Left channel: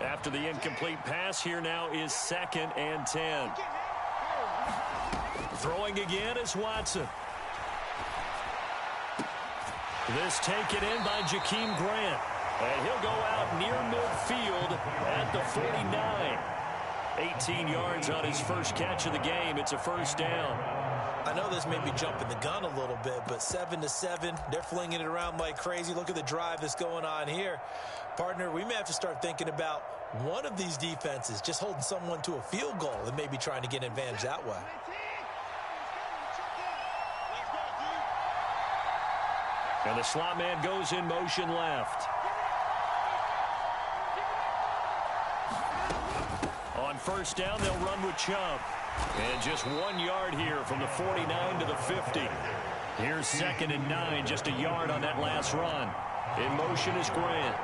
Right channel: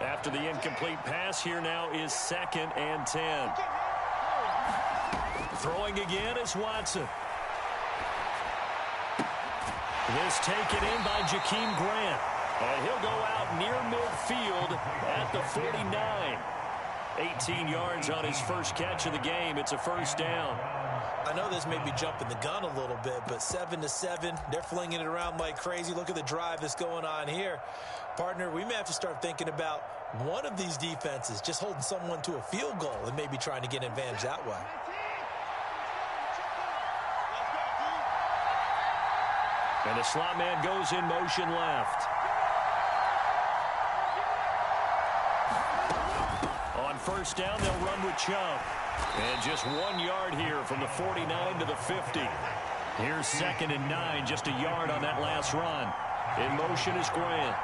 After the incomplete pass, here now is 2nd and 10. Throwing again is Watson. This taken in by Jakeem Grant. And he'll go out near midfield at the 49. 18 yards on his first catch of the game. It's a first down. I know this may be jumping the gun a little bit, but 7-7, they're flinging it around like crazy. Look at the drive that's going on here. Partner, we may have to start thinking about one of these defenses just holding someone to a field goal and maybe trying to get an advantage that way. And the slot man goes in motion left. On first down, they'll run with Chubb. And just 1 yard here from the 49 to the 50. Here's 2nd and 9, just a yard on that last run. In motion is Grant.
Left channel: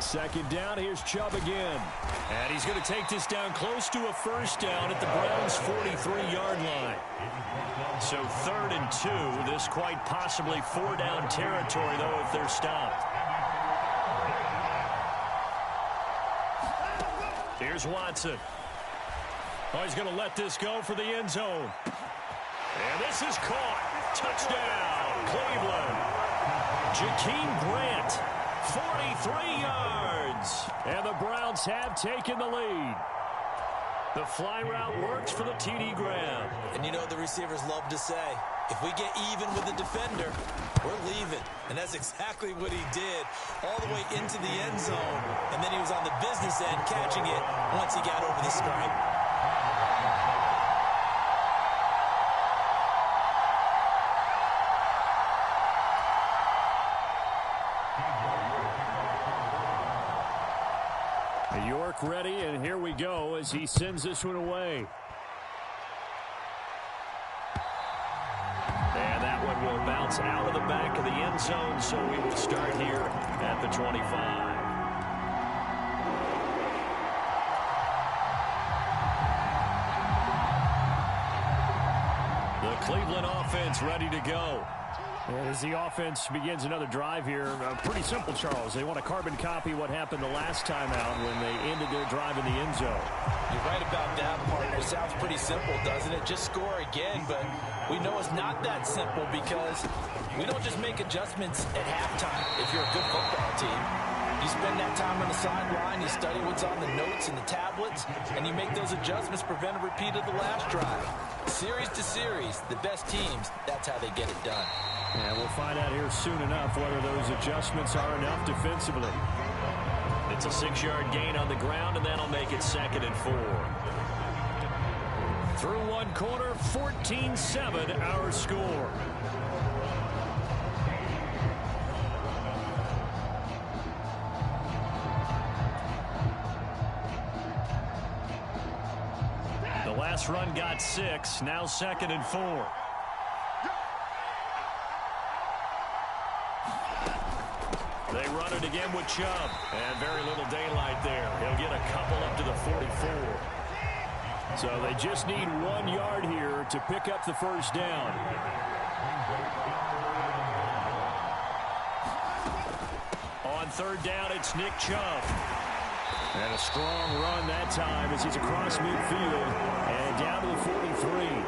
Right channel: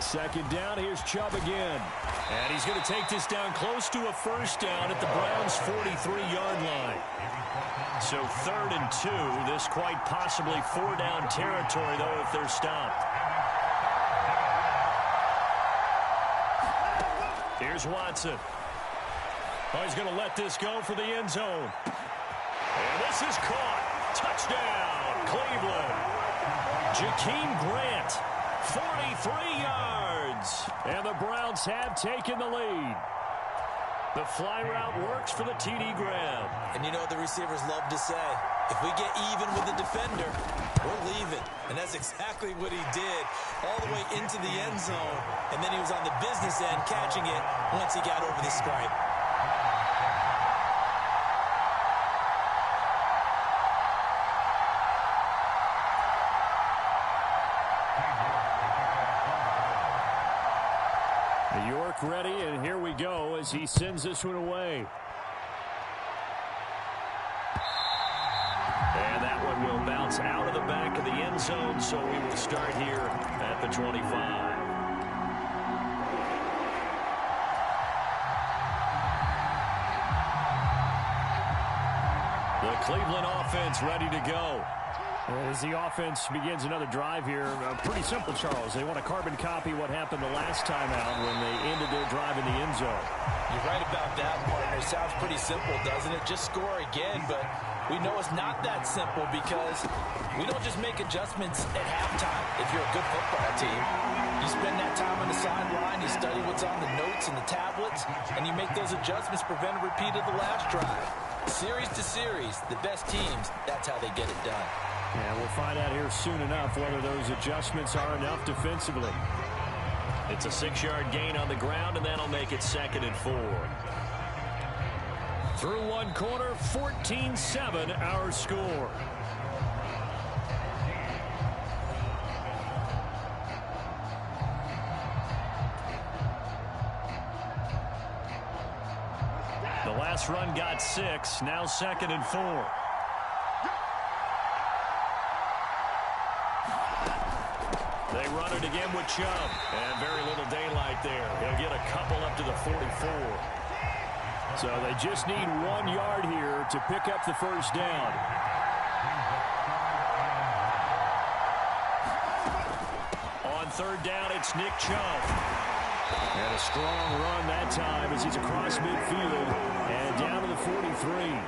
2nd down, here's Chubb again. And he's going to take this down close to a first down at the Browns' 43-yard line. So 3rd and 2, this quite possibly 4-down territory, though, if they're stopped. Here's Watson. Oh, he's going to let this go for the end zone. And this is caught. Touchdown, Cleveland. Jakeem Grant, 43 yards. And the Browns have taken the lead. The fly route works for the TD grab. And you know the receivers love to say, if we get even with the defender, we're leaving. And that's exactly what he did all the way into the end zone. And then he was on the business end catching it once he got over the stripe. York ready, and here we go as he sends this one away. And that one will bounce out of the back of the end zone, so we will start here at the 25. The Cleveland offense ready to go. As the offense begins another drive here, pretty simple, Charles. They want to carbon copy what happened the last time out when they ended their drive in the end zone. You're right about that, partner. It sounds pretty simple, doesn't it? Just score again, but we know it's not that simple because we don't just make adjustments at halftime if you're a good football team. You spend that time on the sideline, you study what's on the notes and the tablets, and you make those adjustments, prevent a repeat of the last drive. Series to series, the best teams, that's how they get it done. And we'll find out here soon enough whether those adjustments are enough defensively. It's a 6-yard gain on the ground, and that'll make it 2nd and 4. Through one quarter, 14-7 our score. The last run got 6, now 2nd and 4. They run it again with Chubb. And very little daylight there. He'll get a couple up to the 44. So they just need 1 yard here to pick up the first down. On 3rd down, it's Nick Chubb. And a strong run that time as he's across midfield and down to the 43.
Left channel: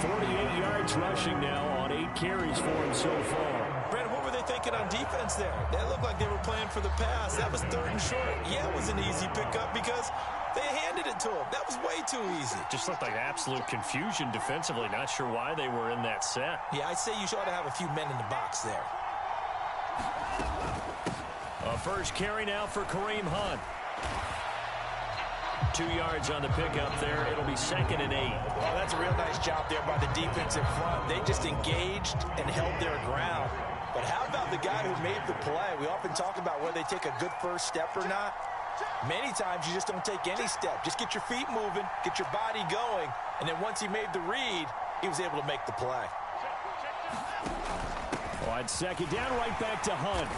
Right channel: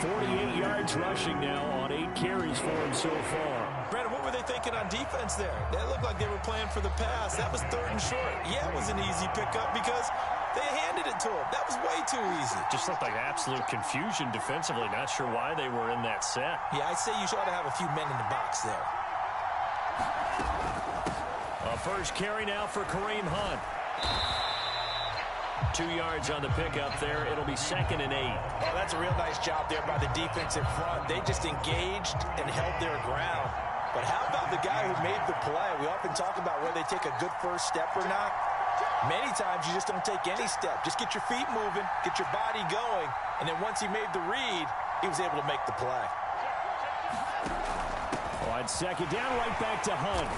48 yards rushing now on 8 carries for him so far. Brandon, what were they thinking on defense there? They looked like they were playing for the pass. That was 3rd and short. Yeah, it was an easy pickup because they handed it to him. That was way too easy. Just looked like absolute confusion defensively. Not sure why they were in that set. Yeah, I'd say you ought to have a few men in the box there. A first carry now for Kareem Hunt. 2 yards on the pickup there. It'll be 2nd and 8. Oh, that's a real nice job there by the defensive front. They just engaged and held their ground. But how about the guy who made the play? We often talk about whether they take a good first step or not. Many times you just don't take any step. Just get your feet moving, get your body going, and then once he made the read, he was able to make the play. On 2nd down, right back to Hunt.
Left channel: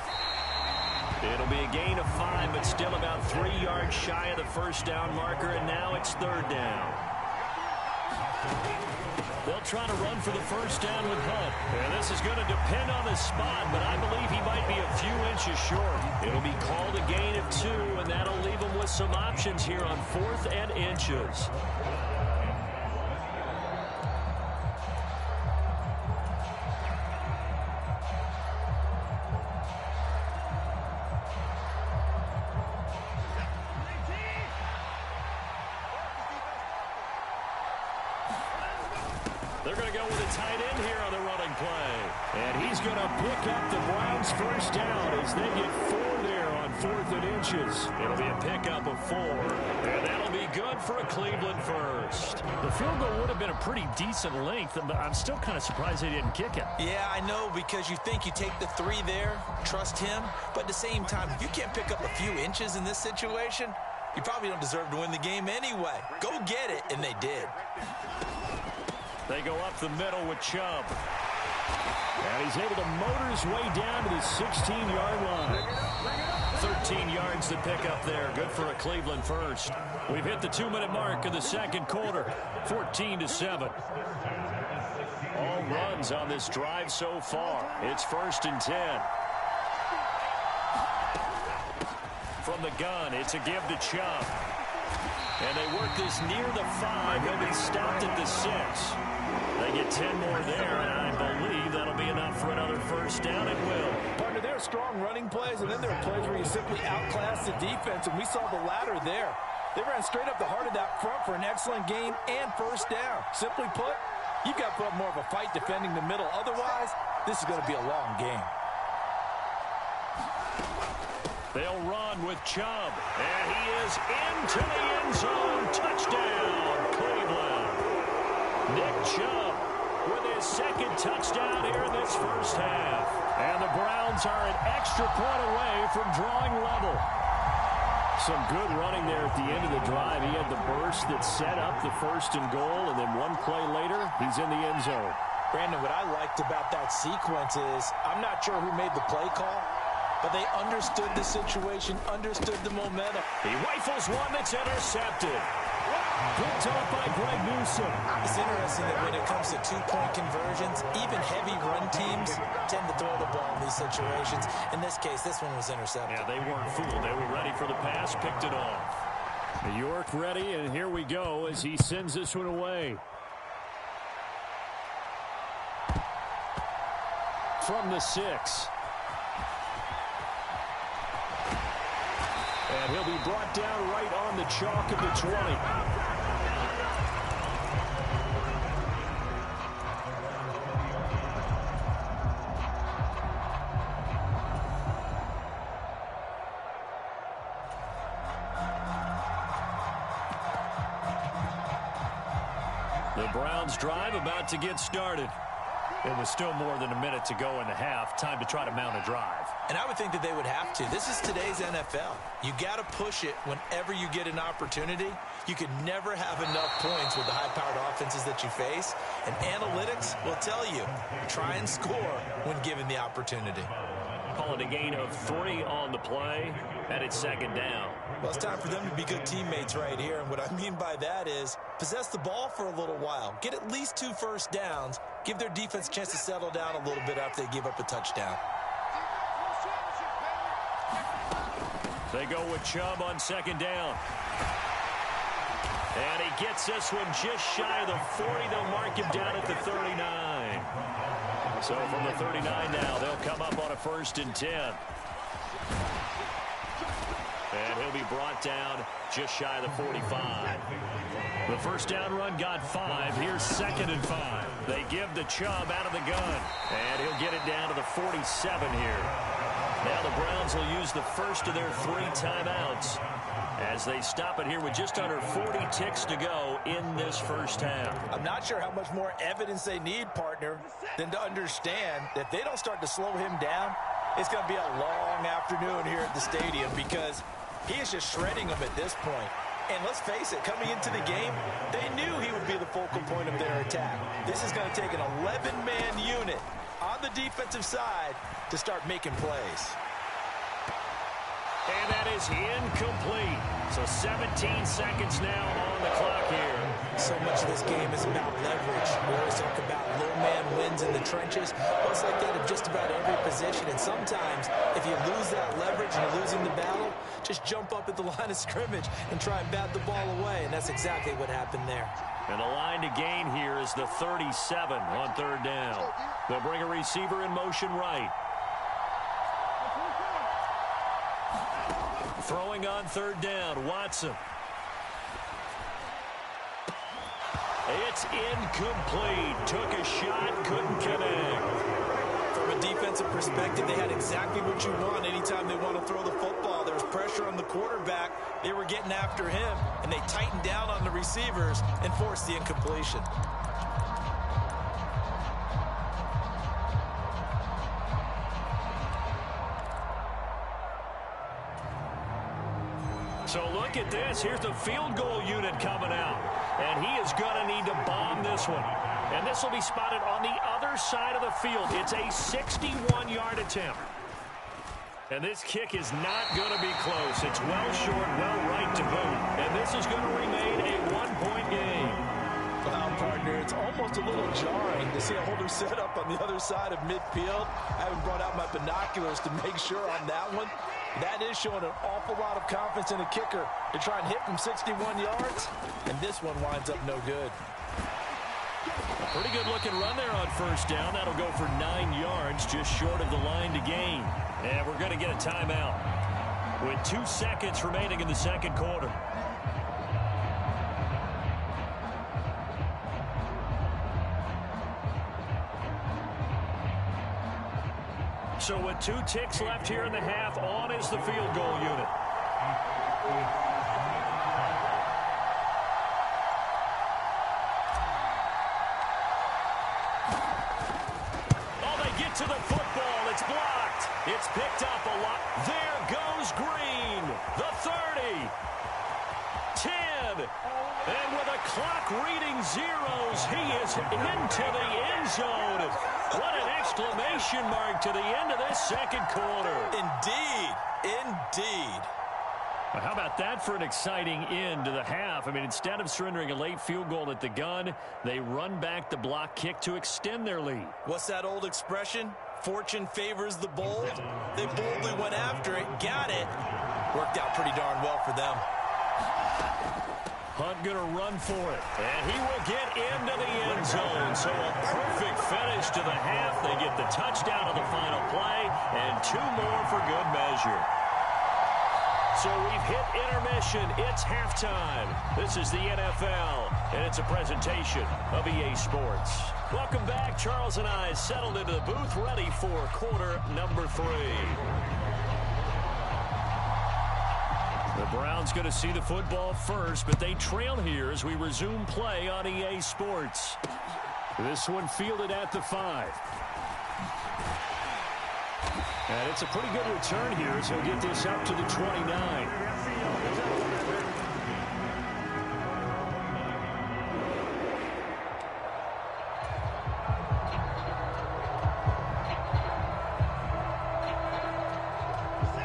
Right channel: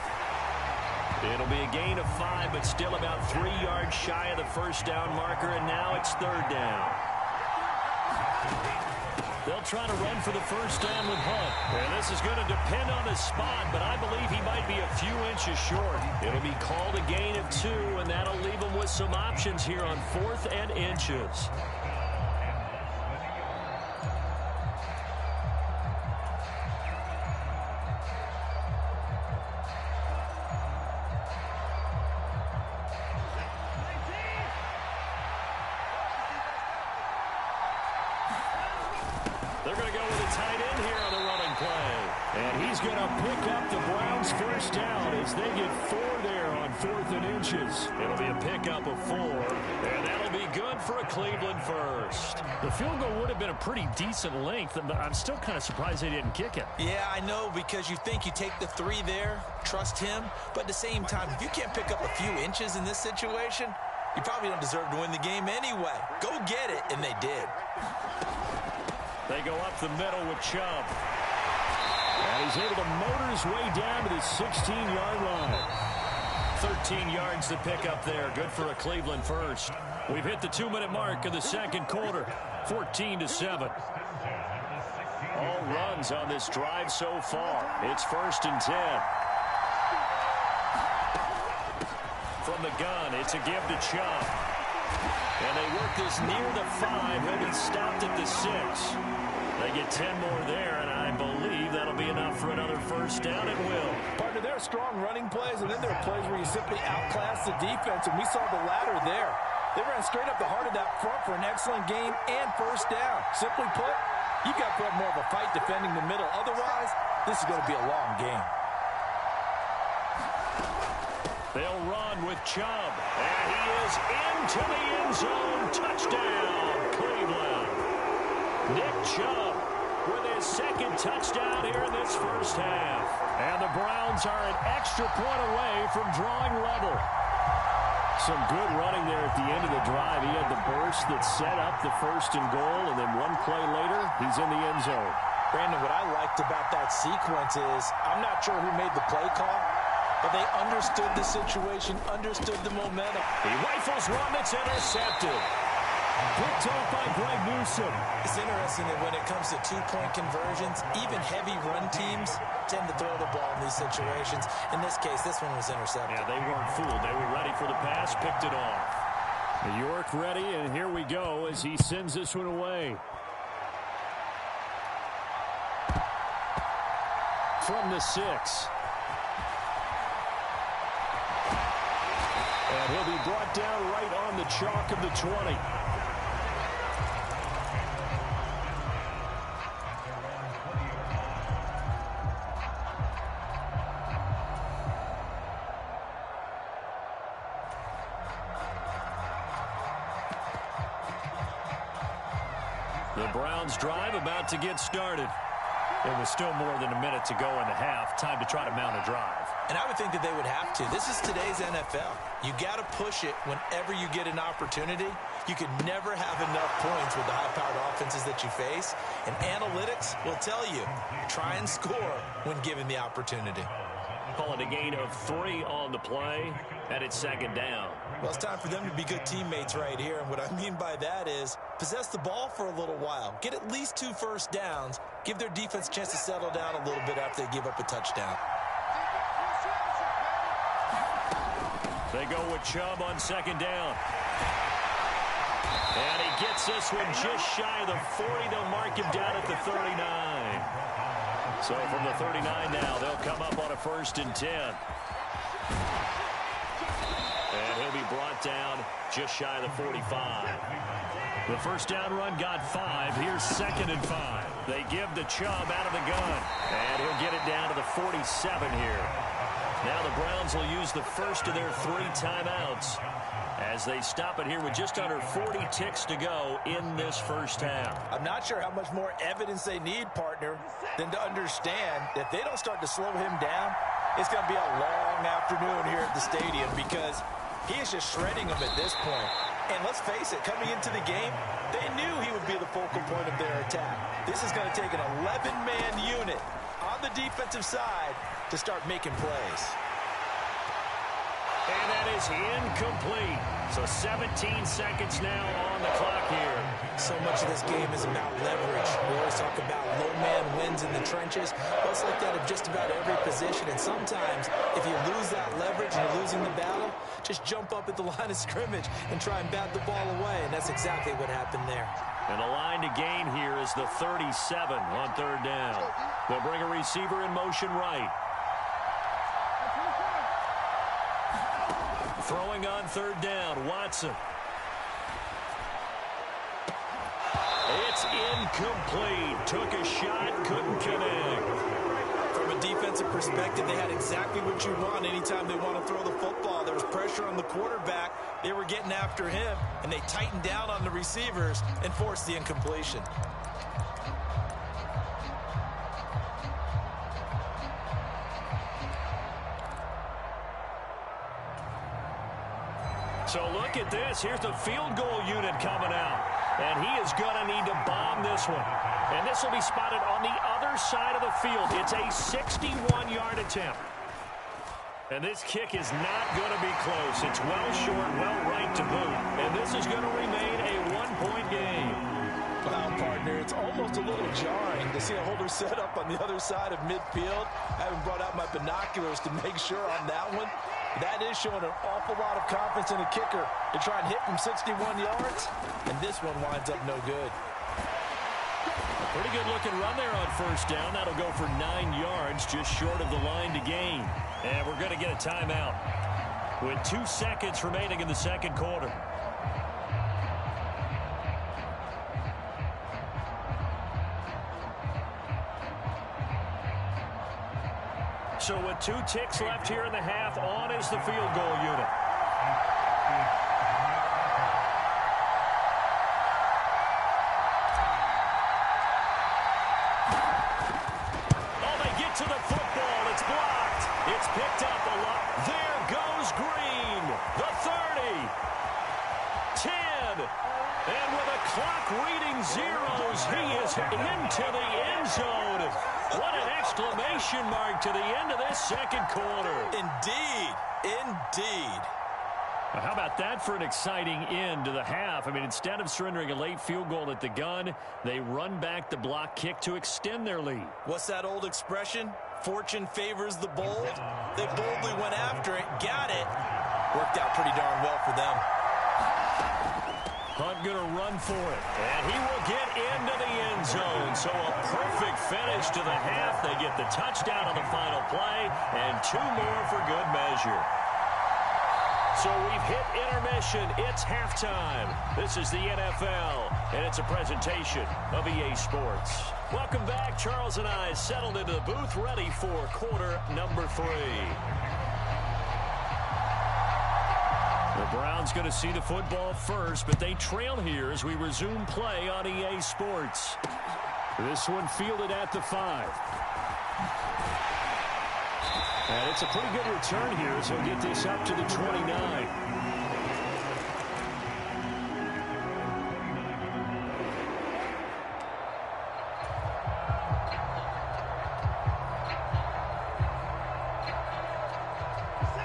It'll be a gain of 5, but still about 3 yards shy of the first down marker, and now it's 3rd down. They'll try to run for the first down with Hunt. And this is going to depend on the spot, but I believe he might be a few inches short. It'll be called a gain of 2, and that'll leave him with some options here on 4th and inches. They're going to go with a tight end here on the running play. And he's going to pick up the Browns' first down as they get 4 there on 4th and inches. It'll be a pickup of 4, and that'll be good for a Cleveland first. The field goal would have been a pretty decent length, but I'm still kind of surprised they didn't kick it. Yeah, I know, because you think you take the 3 there, trust him, but at the same time, if you can't pick up a few inches in this situation, you probably don't deserve to win the game anyway. Go get it, and they did. They go up the middle with Chubb. And he's able to motor his way down to the 16-yard line. 13 yards to pick up there. Good for a Cleveland first. We've hit the 2-minute mark of the second quarter. 14-7. All runs on this drive so far. It's 1st and 10. From the gun, it's a give to Chubb. And they work this near the 5. He'll be stopped at the 6. They get 10 more there, and I believe that'll be enough for another first down. It will. Partner, there are strong running plays, and then there are plays where you simply outclass the defense, and we saw the latter there. They ran straight up the heart of that front for an excellent gain and first down. Simply put, you've got to put up more of a fight defending the middle. Otherwise, this is going to be a long game. They'll run with Chubb, and he is into the end zone. Touchdown, Cleveland. Nick Chubb with his second touchdown here in this first half. And the Browns are an extra point away from drawing level. Some good running there at the end of the drive. He had the burst that set up the 1st and goal, and then one play later, he's in the end zone. Brandon, what I liked about that sequence is I'm not sure who made the play call, but they understood the situation, understood the momentum. He rifles one that's intercepted. Picked off by Greg Newsome. It's interesting that when it comes to 2-point conversions, even heavy run teams tend to throw the ball in these situations. In this case, this one was intercepted. Yeah, they weren't fooled. They were ready for the pass, picked it off. New York ready, and here we go as he sends this one away. From the 6. And he'll be brought down right on the chalk of the 20. The Browns drive about to get started. It was still more than a minute to go in the half. Time to try to mount a drive. And I would think that they would have to. This is today's NFL. You got to push it whenever you get an opportunity. You could never have enough points with the high-powered offenses that you face. And analytics will tell you, try and score when given the opportunity. Call it a gain of 3 on the play, and it's 2nd down. Well, it's time for them to be good teammates right here. And what I mean by that is possess the ball for a little while. Get at least 2 first downs. Give their defense a chance to settle down a little bit after they give up a touchdown. They go with Chubb on 2nd down. And he gets this one just shy of the 40. They'll mark him down at the 39. So from the 39 now, they'll come up on a 1st and 10. And he'll be brought down just shy of the 45. The first down run got 5. Here's 2nd and 5. They give the Chubb out of the gun. And he'll get it down to the 47 here. Now the Browns will use the first of their 3 timeouts as they stop it here with just under 40 ticks to go in this first half. I'm not sure how much more evidence they need, partner, than to understand that if they don't start to slow him down, it's going to be a long afternoon here at the stadium because he is just shredding them at this point. And let's face it, coming into the game, they knew he would be the focal point of their attack. This is going to take an 11-man unit on the defensive side to start making plays. And that is incomplete. So 17 seconds now on the clock here. So much of this game is about leverage. We always talk about low man wins in the trenches. Well, it's like that in just about every position. And sometimes, if you lose that leverage and you're losing the battle, just jump up at the line of scrimmage and try and bat the ball away. And that's exactly what happened there. And the line to gain here is the 37 on third down. They'll bring a receiver in motion right. Throwing on third down, Watson. It's incomplete. Took a shot, couldn't connect. From a defensive perspective, they had exactly what you want anytime they want to throw the football. There was pressure on the quarterback. They were getting after him, and they tightened down on the receivers and forced the incompletion. So look at this. Here's the field goal unit coming out. And he is going to need to bomb this one. And this will be spotted on the other side of the field. It's a 61-yard attempt. And this kick is not going to be close. It's well short, well right to boot. And this is going to remain a one-point game. Well, partner, it's almost a little jarring to see a holder set up on the other side of midfield. I haven't brought out my binoculars to make sure on that one. That is showing an awful lot of confidence in a kicker to try and hit from 61 yards. And this one winds up no good. A pretty good looking run there on first down. That'll go for 9 yards, just short of the line to gain. And we're going to get a timeout with 2 seconds remaining in the second quarter. So with 2 ticks left here in the half, on is the field goal unit. Oh, they get to the football. It's blocked. It's picked up a lot. There goes Green. The 30. 10. And with a clock reading zeros, he is into the end zone. What an exclamation mark to the end of this second quarter. Indeed. Indeed. Well, how about that for an exciting end to the half? I mean, instead of surrendering a late field goal at the gun, they run back the block kick to extend their lead. What's that old expression? Fortune favors the bold. They boldly went after it, got it. Worked out pretty darn well for them. Hunt going to run for it, and he will get into the end zone. So a perfect finish to the half. They get the touchdown on the final play, and 2 more for good measure. So we've hit intermission. It's halftime. This is the NFL, and it's a presentation of EA Sports. Welcome back. Charles and I settled into the booth, ready for quarter number 3. The Browns going to see the football first, but they trail here as we resume play on EA Sports. This one fielded at the 5. And it's a pretty good return here as he'll get this up to the 29.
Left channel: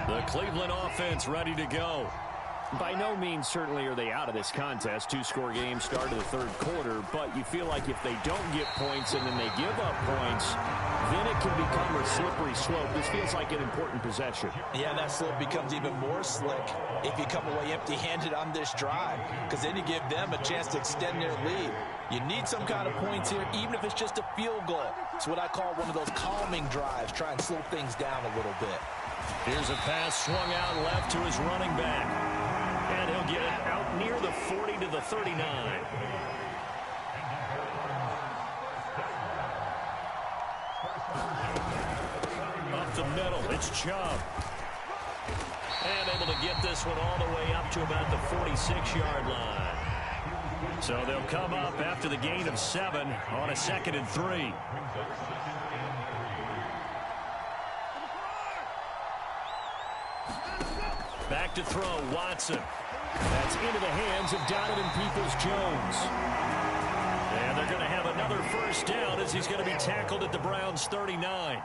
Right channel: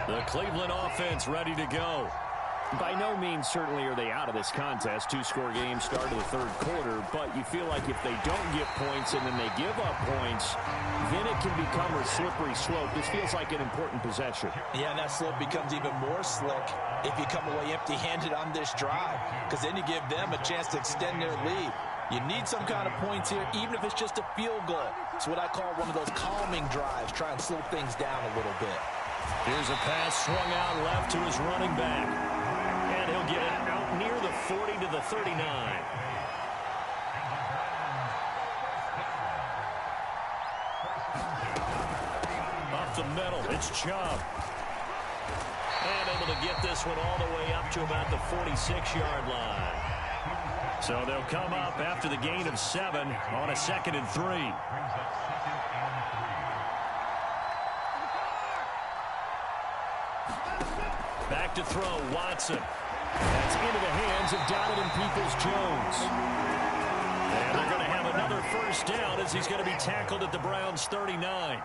The Cleveland offense ready to go. By no means certainly are they out of this contest. 2-score game start of the third quarter, but you feel like if they don't get points and then they give up points, then it can become a slippery slope. This feels like an important possession. Yeah, that slope becomes even more slick if you come away empty-handed on this drive, because then you give them a chance to extend their lead. You need some kind of points here, even if it's just a field goal. It's what I call one of those calming drives. Try and slow things down a little bit. Here's a pass swung out left to his running back. And he'll get it out near the 40 to the 39. Up the middle, it's Chubb. And able to get this one all the way up to about the 46-yard line. So they'll come up after the gain of 7 on a 2nd and 3. Back to throw, Watson. That's into the hands of Donovan Peoples-Jones. And they're going to have another first down as he's going to be tackled at the Browns' 39.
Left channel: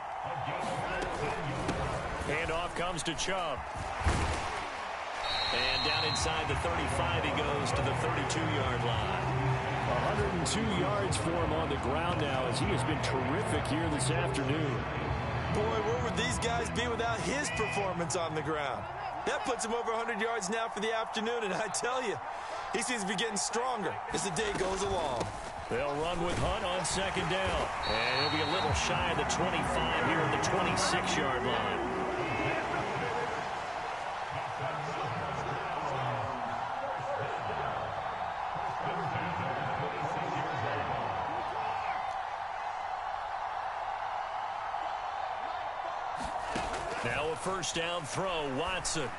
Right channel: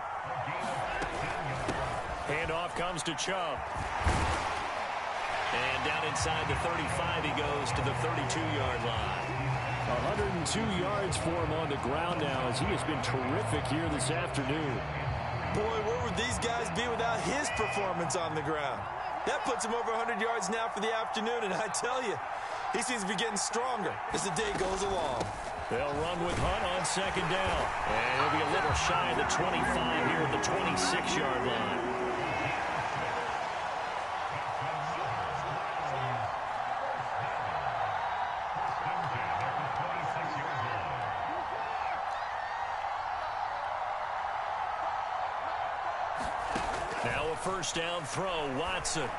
Handoff comes to Chubb. And down inside the 35, he goes to the 32-yard line. 102 yards for him on the ground now as he has been terrific here this afternoon. Boy, where would these guys be without his performance on the ground? That puts him over 100 yards now for the afternoon, and I tell you, he seems to be getting stronger as the day goes along. They'll run with Hunt on second down. And he'll be a little shy of the 25 here at the 26-yard line. Now a first down throw, Watson.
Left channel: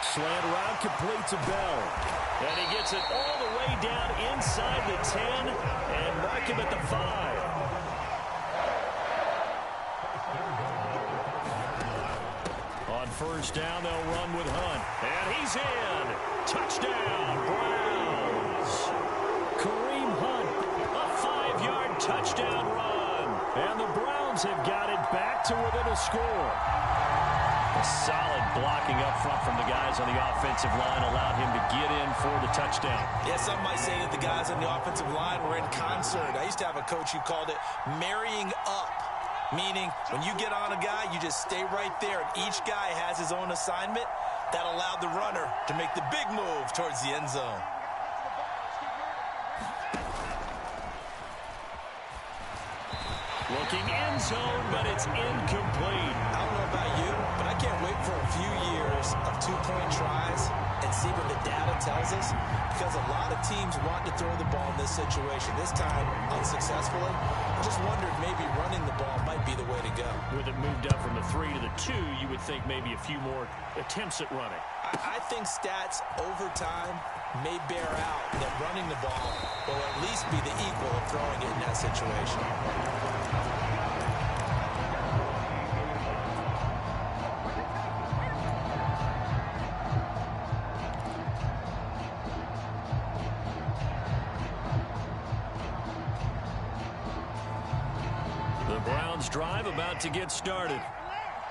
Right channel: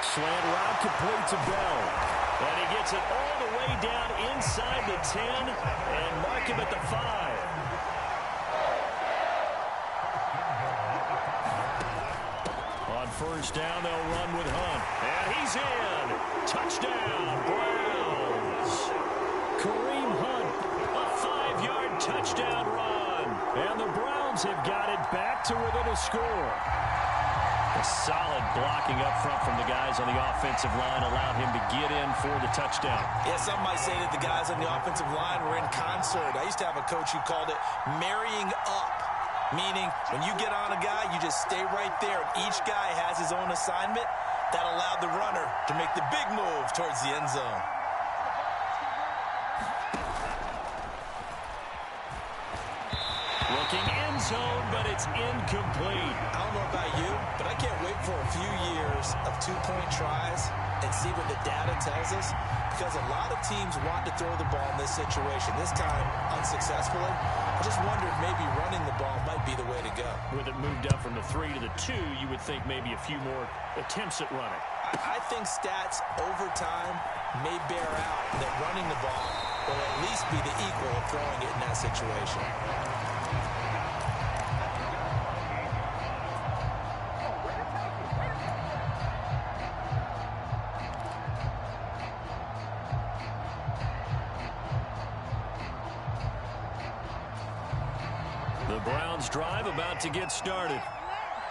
Slant route complete to Bell. And he gets it all the way down inside the 10 and mark him at the 5. On first down, they'll run with Hunt. And he's in. Touchdown, Browns. Kareem Hunt, A 5-yard touchdown run. and the Browns have got it back to within a score. A solid blocking up front from the guys on the offensive line allowed him to get in for the touchdown. Yeah, some might say that the guys on the offensive line were in concert. I used to have a coach who called it marrying up, meaning when you get on a guy, you just stay right there, and each guy has his own assignment. That allowed the runner to make the big move towards the end zone. Looking end zone, but it's incomplete. I don't know about you, but I can't wait for a few years of two-point tries and see what the data tells us, because a lot of teams want to throw the ball in this situation, this time unsuccessfully. I just wonder if maybe running the ball might be the way to go. With it moved up from the 3 to the 2, you would think maybe a few more attempts at running. I think stats over time may bear out that running the ball will at least be the equal of throwing it in that situation. The Browns drive about to get started.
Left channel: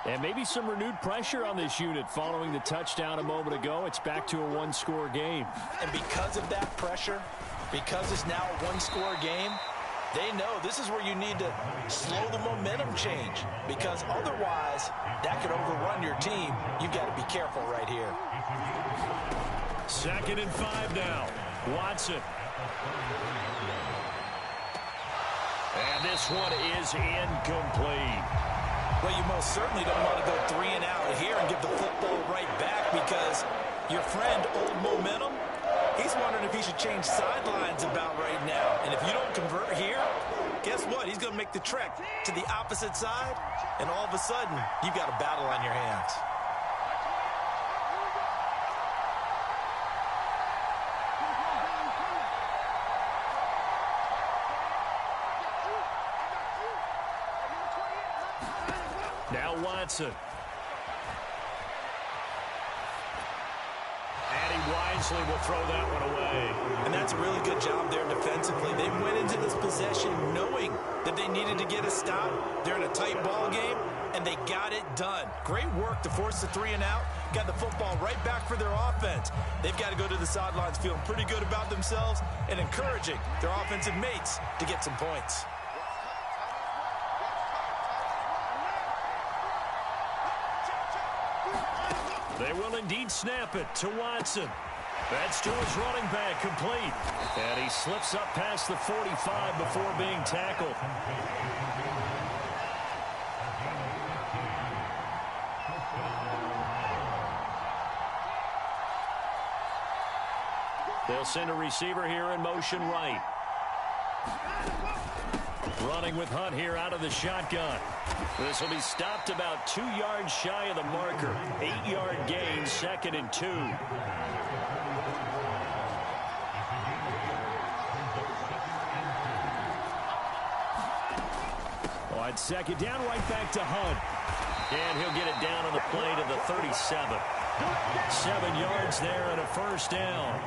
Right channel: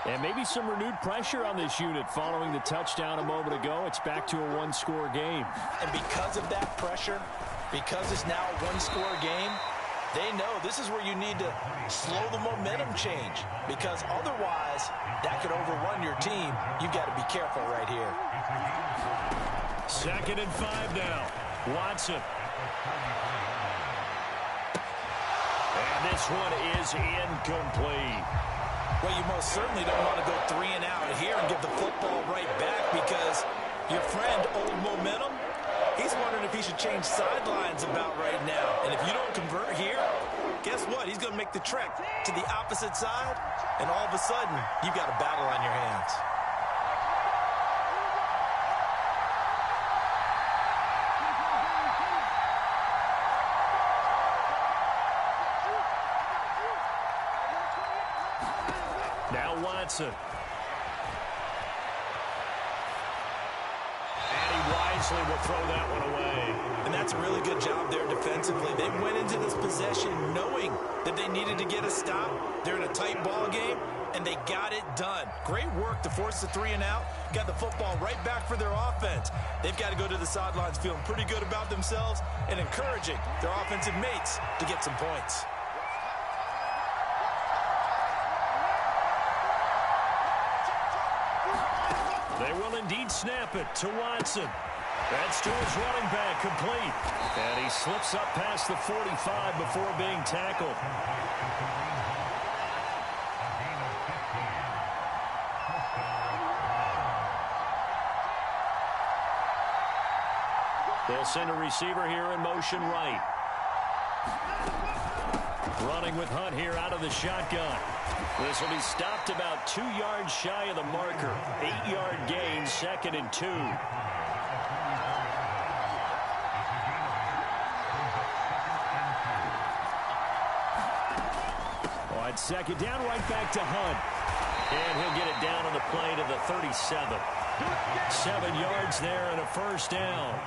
And maybe some renewed pressure on this unit following the touchdown a moment ago. It's back to a one-score game. And because of that pressure, because it's now a one-score game, they know this is where you need to slow the momentum change, because otherwise that could overrun your team. You've got to be careful right here. 2nd and 5 now. Watson. And this one is incomplete. Well, you most certainly don't want to go 3 and out here and give the football right back, because your friend, Old Momentum, he's wondering if he should change sidelines about right now. And if you don't convert here, guess what? He's going to make the trek to the opposite side, and all of a sudden, you've got a battle on your hands. Now Watson. And he wisely will throw that one away. And that's a really good job there defensively. They went into this possession knowing that they needed to get a stop. They're in a tight ball game, and they got it done. Great work to force the 3 and out. Got the football right back for their offense. They've got to go to the sidelines feeling pretty good about themselves and encouraging their offensive mates to get some points. They will indeed snap it to Watson. That's to his running back, complete. And he slips up past the 45 before being tackled. They'll send a receiver here in motion right. Running with Hunt here out of the shotgun. This will be stopped about 2 yards shy of the marker. 8-yard gain, 2nd and 2. On 2nd down, right back to Hunt. And he'll get it down on the play to the 37. 7 yards there and a first down.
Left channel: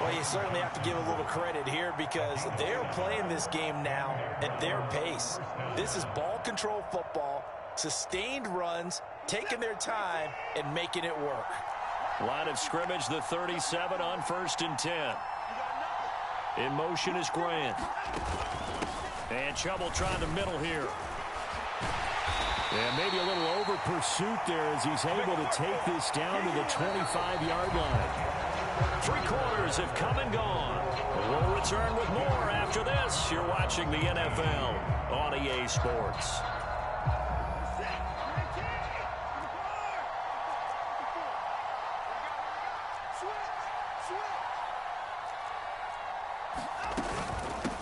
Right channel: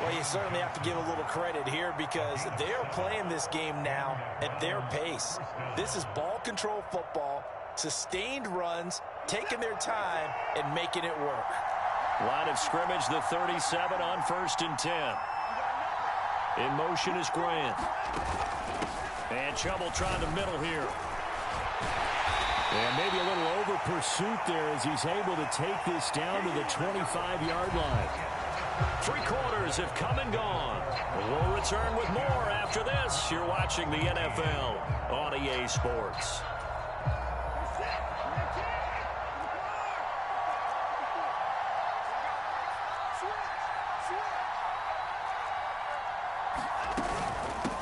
Well, you certainly have to give a little credit here, because they are playing this game now at their pace. This is ball control football, sustained runs, taking their time, and making it work. Line of scrimmage, the 37 on 1st and 10. In motion is Grant. And Chubb will try the middle here. Yeah, maybe a little over pursuit there as he's able to take this down to the 25-yard line. 3 quarters have come and gone. We'll return with more after this. You're watching the NFL on EA Sports.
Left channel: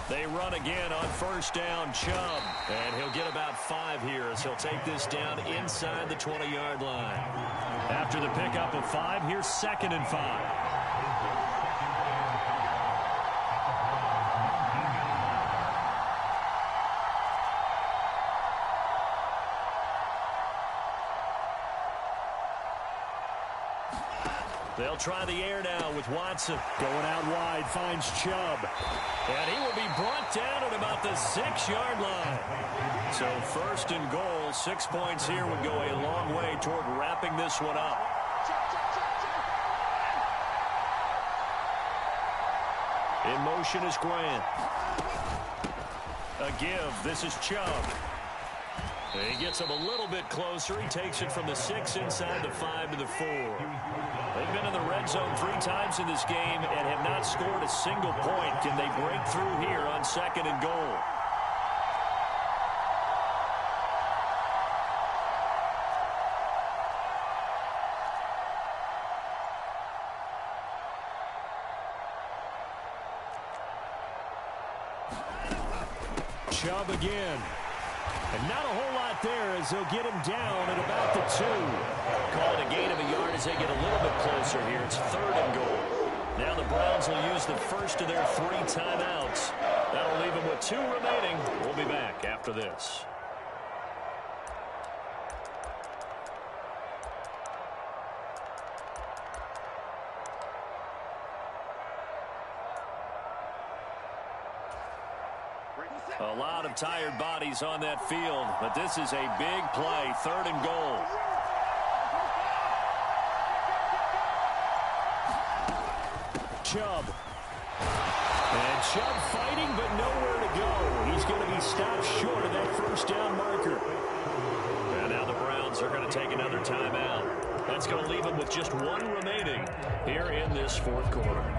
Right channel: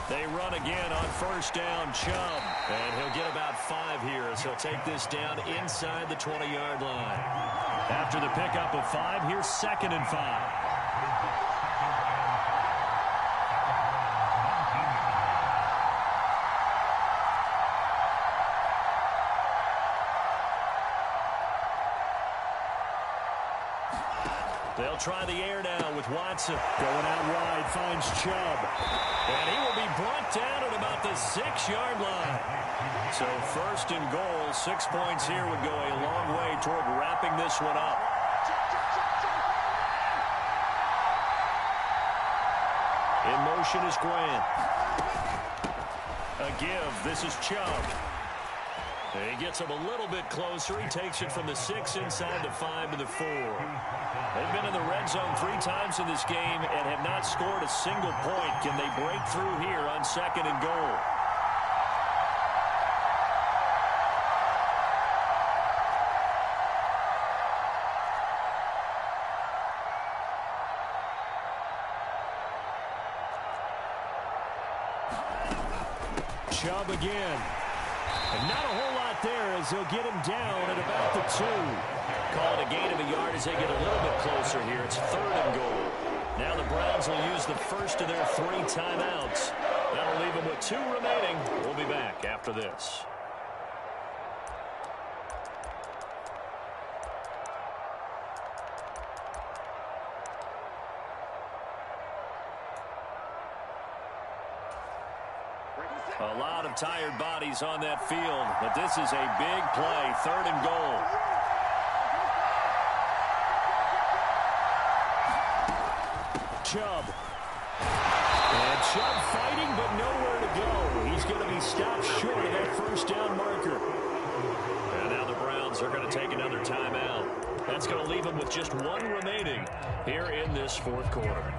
They run again on 1st down, Chubb. And he'll get about 5 here as he'll take this down inside the 20-yard line. After the pickup of 5, here's 2nd and 5. They'll try the air now with Watson. Going out wide, finds Chubb. And he will be brought down at about the 6-yard line. So 1st and goal, 6 points here would go a long way toward wrapping this one up. In motion is Grant. A give. This is Chubb. He gets him a little bit closer. He takes it from the 6 inside the 5 to the 4. They've been in the red zone 3 times in this game and have not scored a single point. Can they break through here on 2nd and goal? Chubb again. And not a whole lot there as they'll get him down at about the 2. Call it a gain of a yard as they get a little bit closer here. It's 3rd and goal. Now the Browns will use the first of their 3 timeouts. That'll leave them with 2 remaining. We'll be back after this. A lot of tired bodies on that field, but this is a big play, 3rd and goal. Chubb. And Chubb fighting, but nowhere to go. He's going to be stopped short of that 1st down marker. And now the Browns are going to take another timeout. That's going to leave them with just 1 remaining here in this 4th quarter.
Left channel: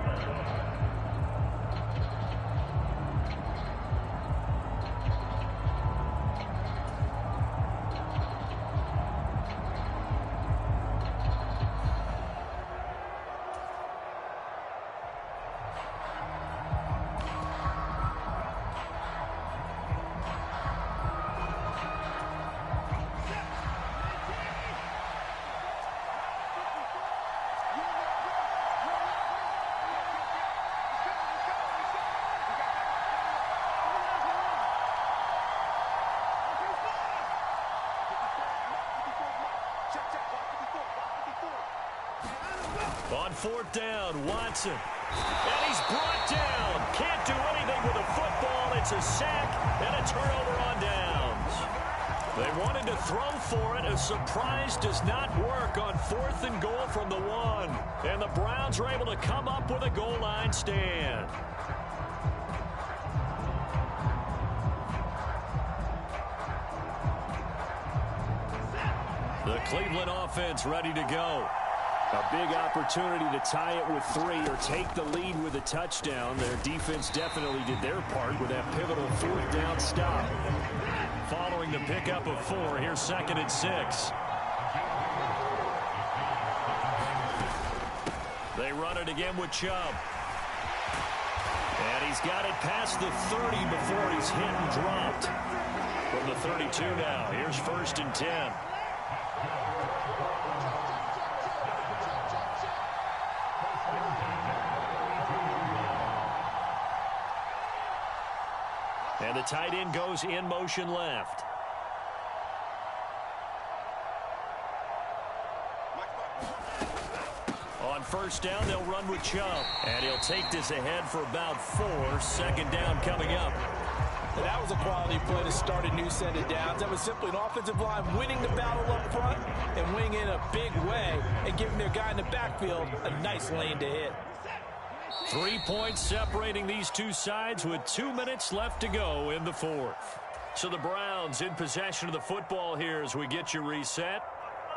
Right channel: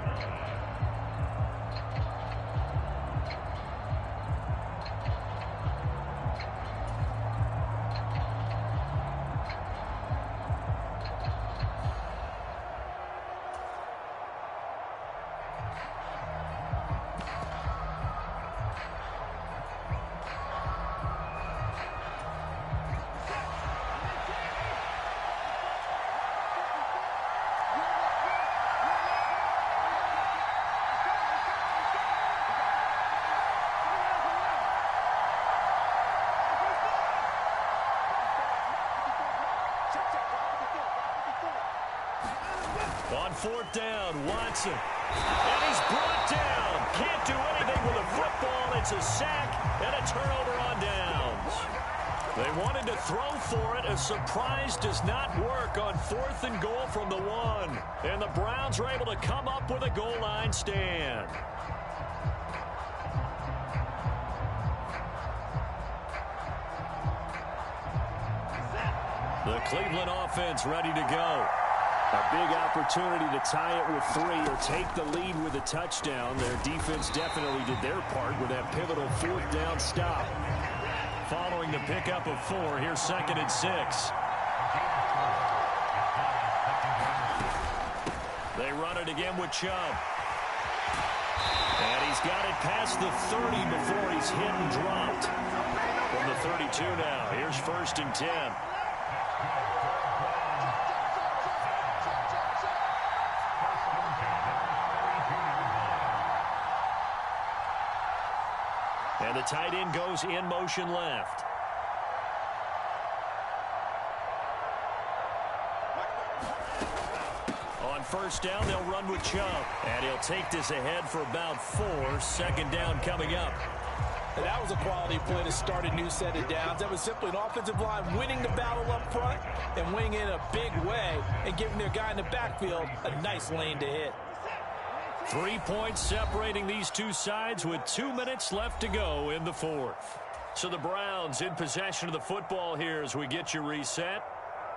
On 4th down, Watson. And he's brought down. Can't do anything with a football. It's a sack and a turnover on downs. They wanted to throw for it. A surprise does not work on 4th and goal from the 1. And the Browns are able to come up with a goal line stand. The Cleveland offense ready to go. A big opportunity to tie it with 3 or take the lead with a touchdown. Their defense definitely did their part with that pivotal 4th down stop. Following the pickup of 4, here's 2nd and 6. They run it again with Chubb. And he's got it past the 30 before he's hit and dropped. From the 32 now, here's 1st and 10. And the tight end goes in motion left. On 1st down, they'll run with Chubb. And he'll take this ahead for about 4. 2nd down coming up. That was a quality play to start a new set of downs. That was simply an offensive line winning the battle up front and winning in a big way and giving their guy in the backfield a nice lane to hit. 3 points separating these two sides with 2 minutes left to go in the fourth. So the Browns in possession of the football here as we get you reset.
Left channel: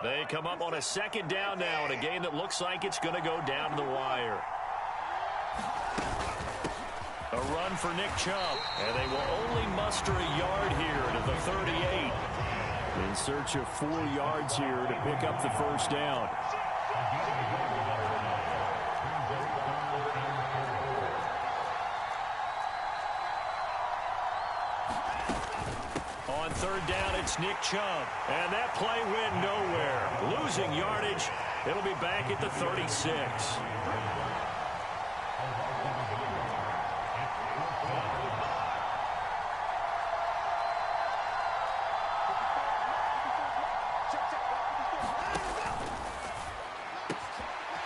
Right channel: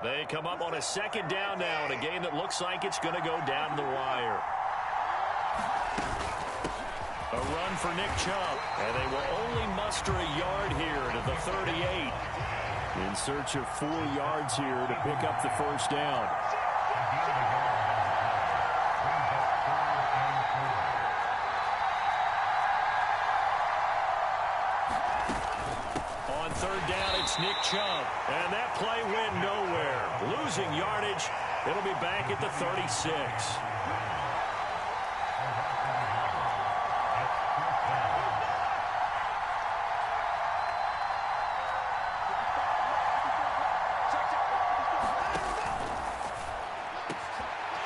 They come up on a second down now in a game that looks like it's going to go down to the wire. A run for Nick Chubb, and they will only muster a yard here to the 38. In search of 4 yards here to pick up the first down. On third down, it's Nick Chubb, and that play went nowhere. Losing yardage, it'll be back at the 36.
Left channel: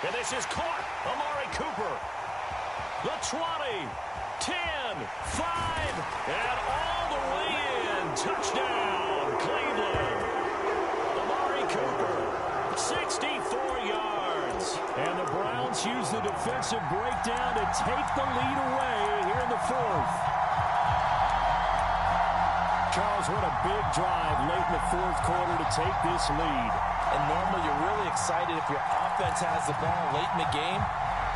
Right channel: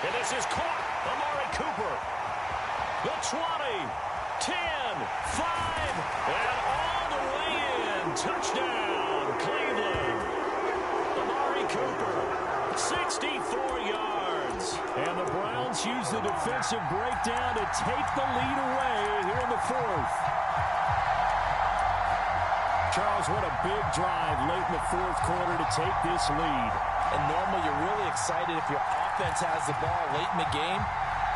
And this is caught. Amari Cooper. The 20, 10, 5, and all the way in. Touchdown, Cleveland. Amari Cooper, 64 yards. And the Browns use the defensive breakdown to take the lead away here in the fourth. Charles, what a big drive late in the fourth quarter to take this lead. And normally you're really excited if your offense has the ball late in the game.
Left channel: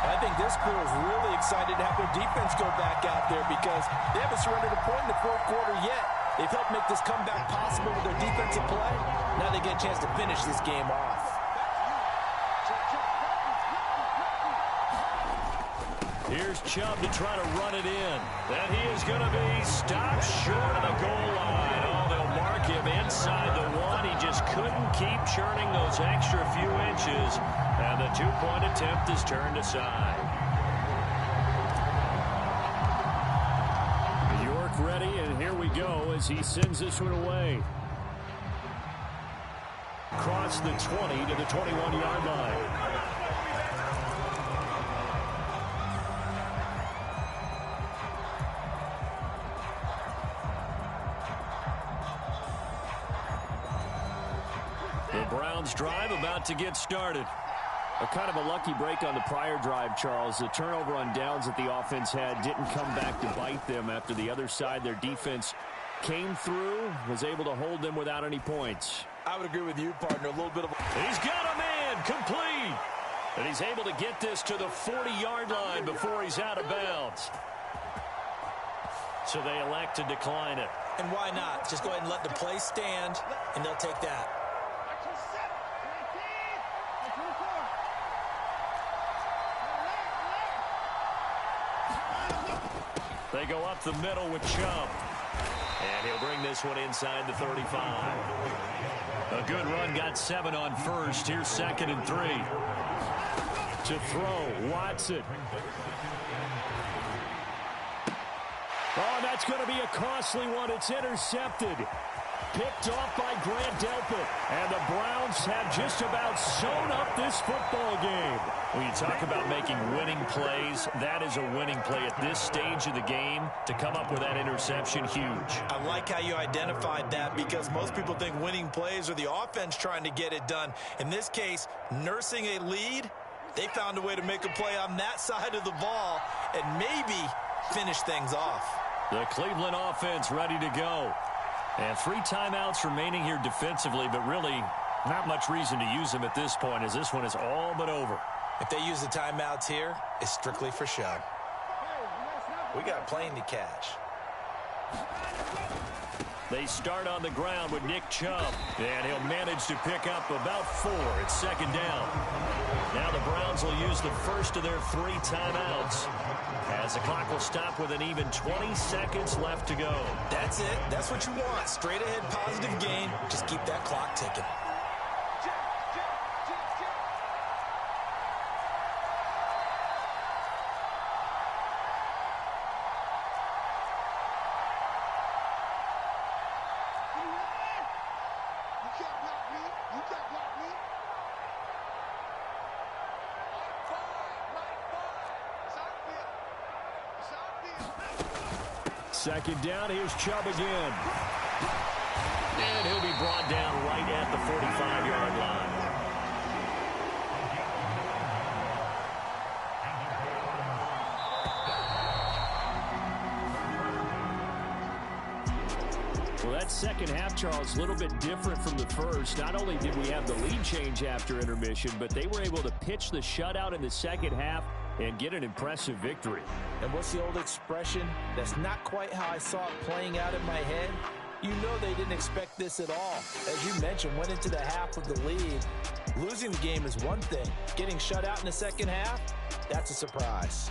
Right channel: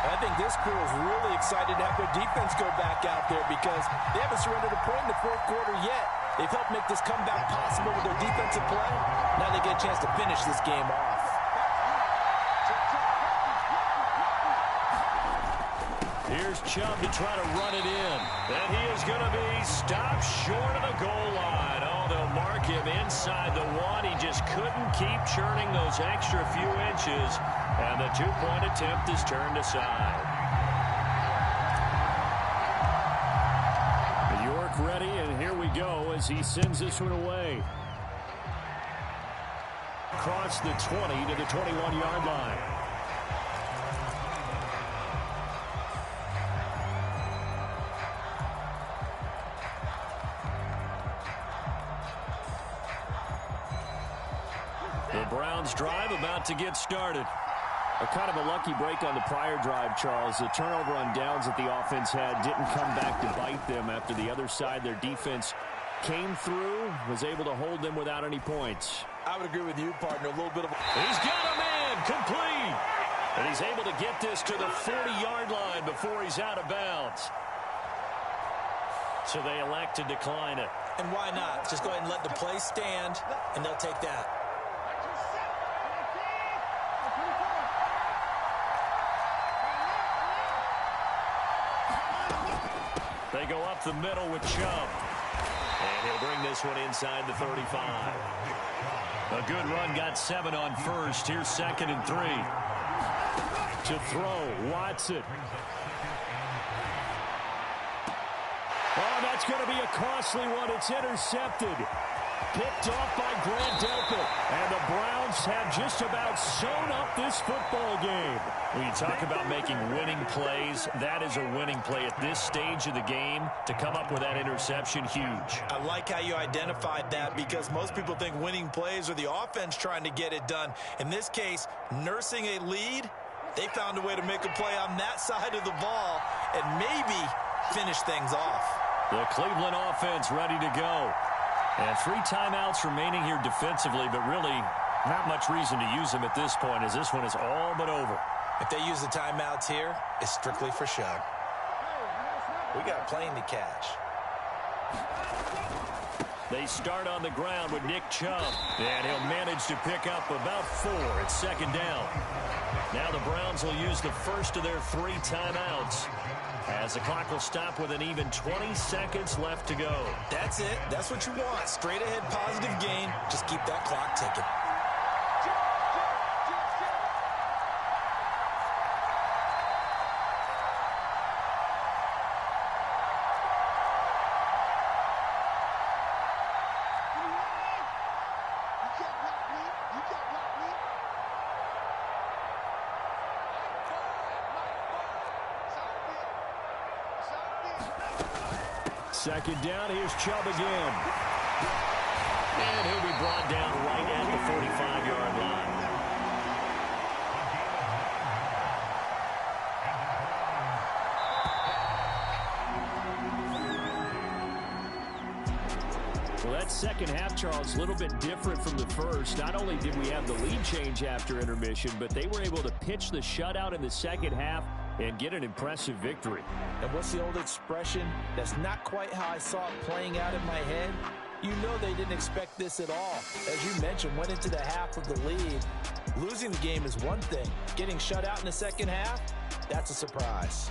And I think this crew is really excited to have their defense go back out there because they haven't surrendered a point in the fourth quarter yet. They've helped make this comeback possible with their defensive play. Now they get a chance to finish this game off. Here's Chubb to try to run it in. And he is going to be stopped short of the goal line. Oh, they'll mark him inside the 1. He just couldn't keep churning those extra few inches. And the 2-point attempt is turned aside. York ready, and here we go as he sends this one away. Across the 20 to the 21-yard line. The Browns drive about to get started. A kind of a lucky break on the prior drive, Charles. The turnover on downs that the offense had didn't come back to bite them after the other side. Their defense came through, was able to hold them without any points. I would agree with you, partner. A little bit of... He's got a man, complete. And he's able to get this to the 40-yard line before he's out of bounds. So they elect to decline it. And why not? Just go ahead and let the play stand, and they'll take that. They go up the middle with Chubb. And he'll bring this one inside the 35. A good run, got 7 on first. Here's 2nd and 3. To throw, Watson. Oh, that's going to be a costly one. It's intercepted. Picked off by Grant Delpit. And the Browns have just about sewn up this football game. When you talk about making winning plays, that is a winning play at this stage of the game. To come up with that interception, huge. I like how you identified that because most people think winning plays are the offense trying to get it done. In this case, nursing a lead, they found a way to make a play on that side of the ball and maybe finish things off. The Cleveland offense ready to go. And 3 timeouts remaining here defensively, but really not much reason to use them at this point as this one is all but over. If they use the timeouts here, it's strictly for show. We got a plane to catch. They start on the ground with Nick Chubb, and he'll manage to pick up about 4. It's 2nd down. Now the Browns will use the first of their 3 timeouts as the clock will stop with an even 20 seconds left to go. That's it. That's what you want. Straight ahead positive gain. Just keep that clock ticking. Second down, here's Chubb again. And he'll be brought down right at the 45-yard line. Well, that second half, Charles, a little bit different from the first. Not only did we have the lead change after intermission, but they were able to pitch the shutout in the second half and get an impressive victory. And what's the old expression? That's not quite how I saw it playing out in my head. You know they didn't expect this at all. As you mentioned, went into the half of the lead. Losing the game is one thing. Getting shut out in the second half, that's a surprise.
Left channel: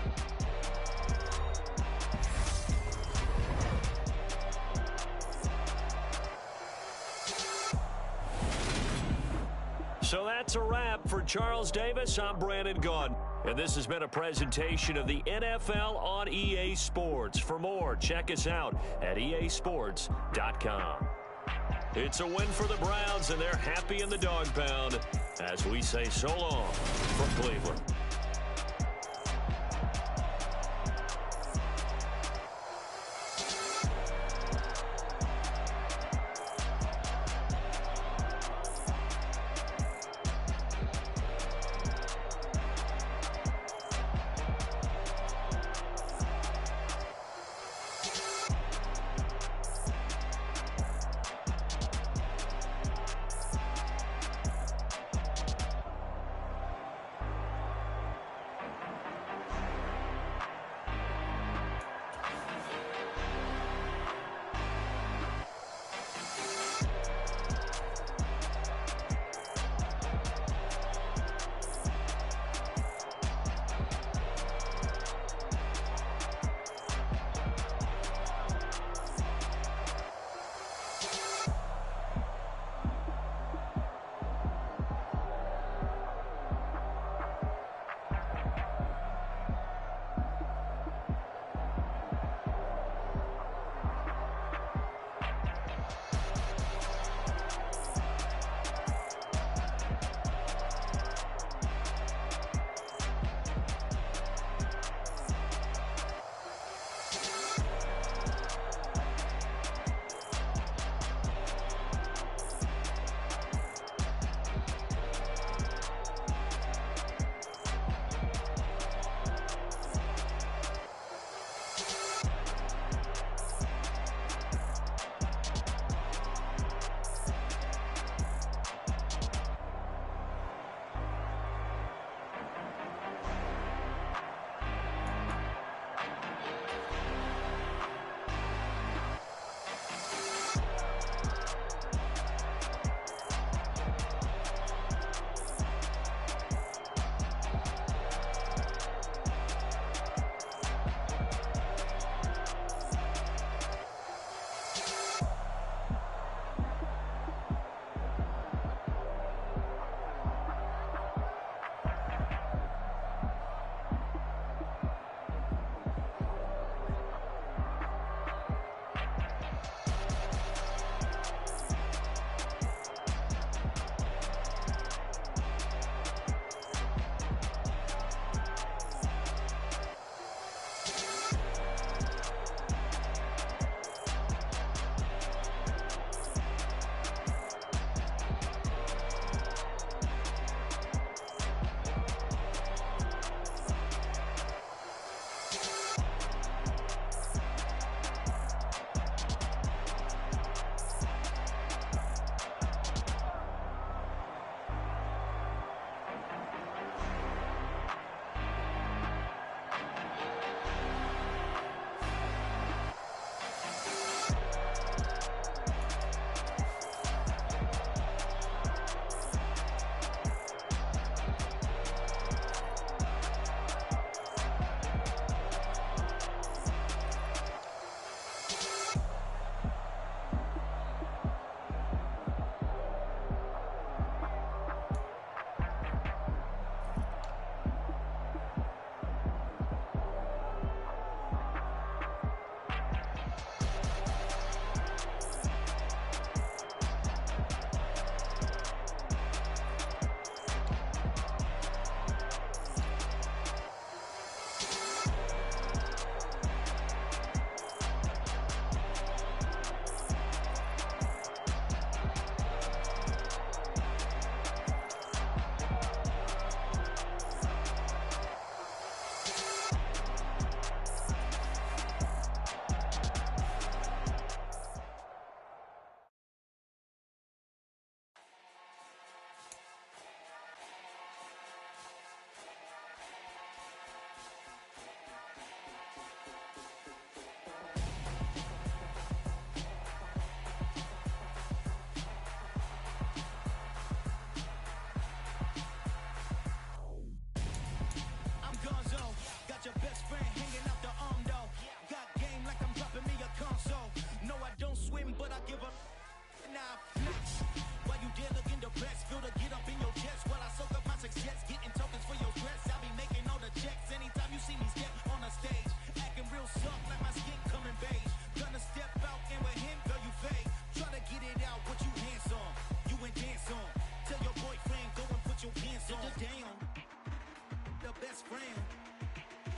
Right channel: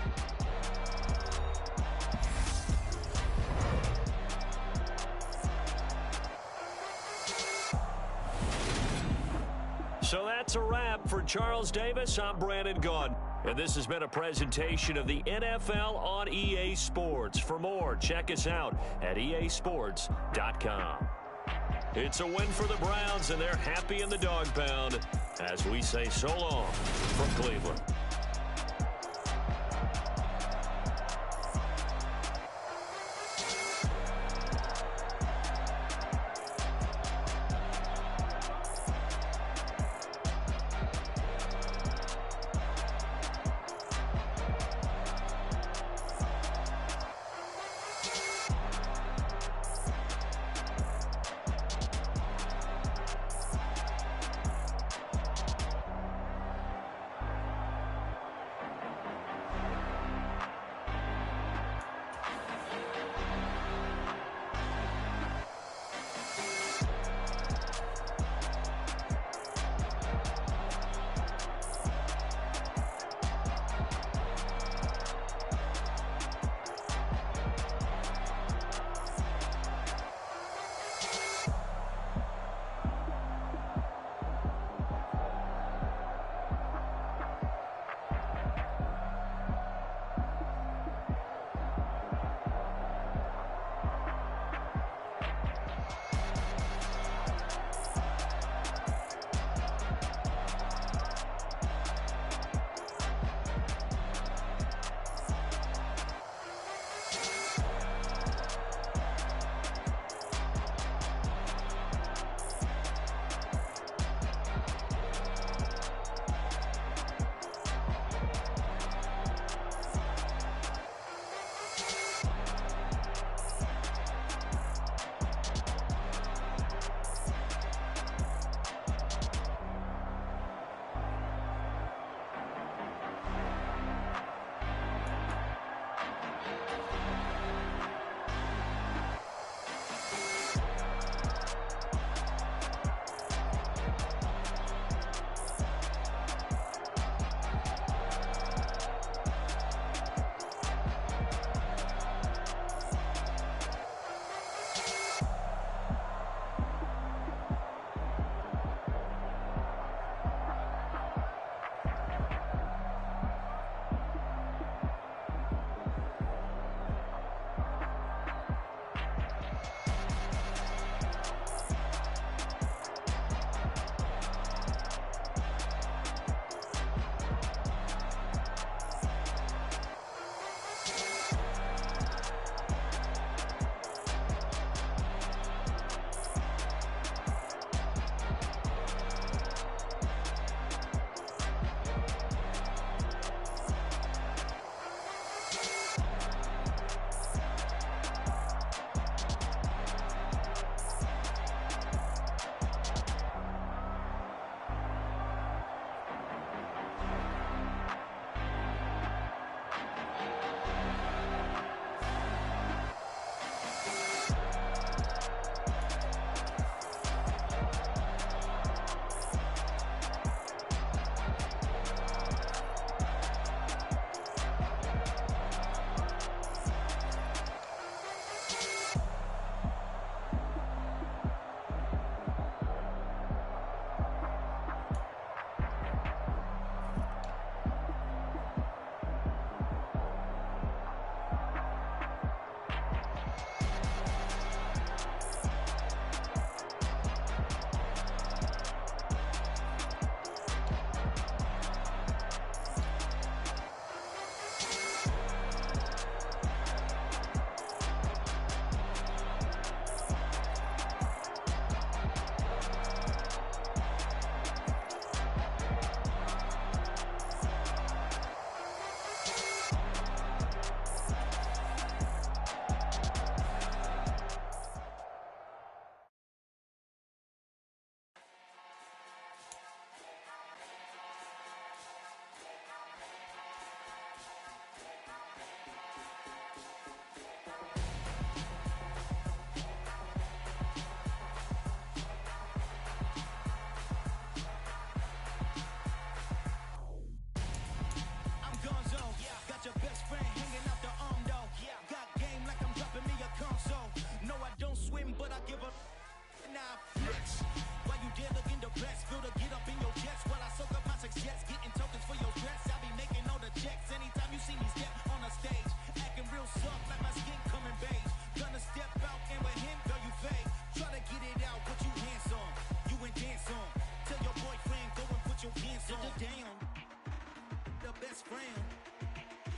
So that's a wrap for Charles Davis. I'm Brandon Gaudin. And this has been a presentation of the NFL on EA Sports. For more, check us out at easports.com. It's a win for the Browns, and they're happy in the dog pound as we say so long from Cleveland.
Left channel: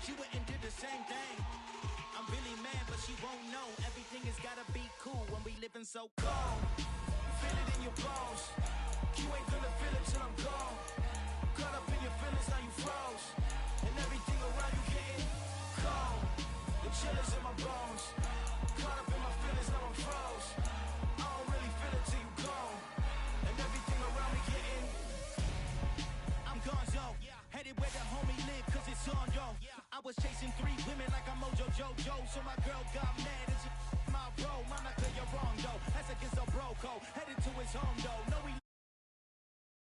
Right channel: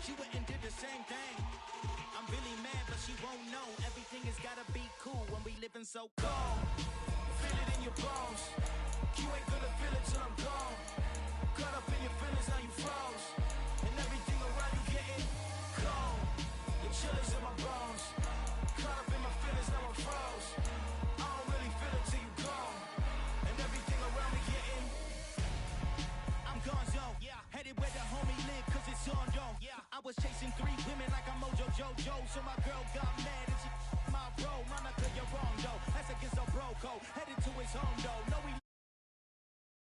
she went and did the same thing. I'm really mad, but she won't know. Everything has gotta be cool when we living so cold. Feel it in your bones. You ain't gonna feel it till I'm gone. Caught up in your feelings, now you froze. And everything around you getting cold. The chill is in my bones. Caught up in my feelings, now I'm froze. I don't really feel it till you gone. And everything around me getting, I'm gonzo. Headed where the homie live, cause it's on, yo. I was chasing 3 women like I'm Mojo Jojo. So my girl got mad and she my bro. Monica, you're wrong, though. That's against a bro code. Headed to his home, though. No, we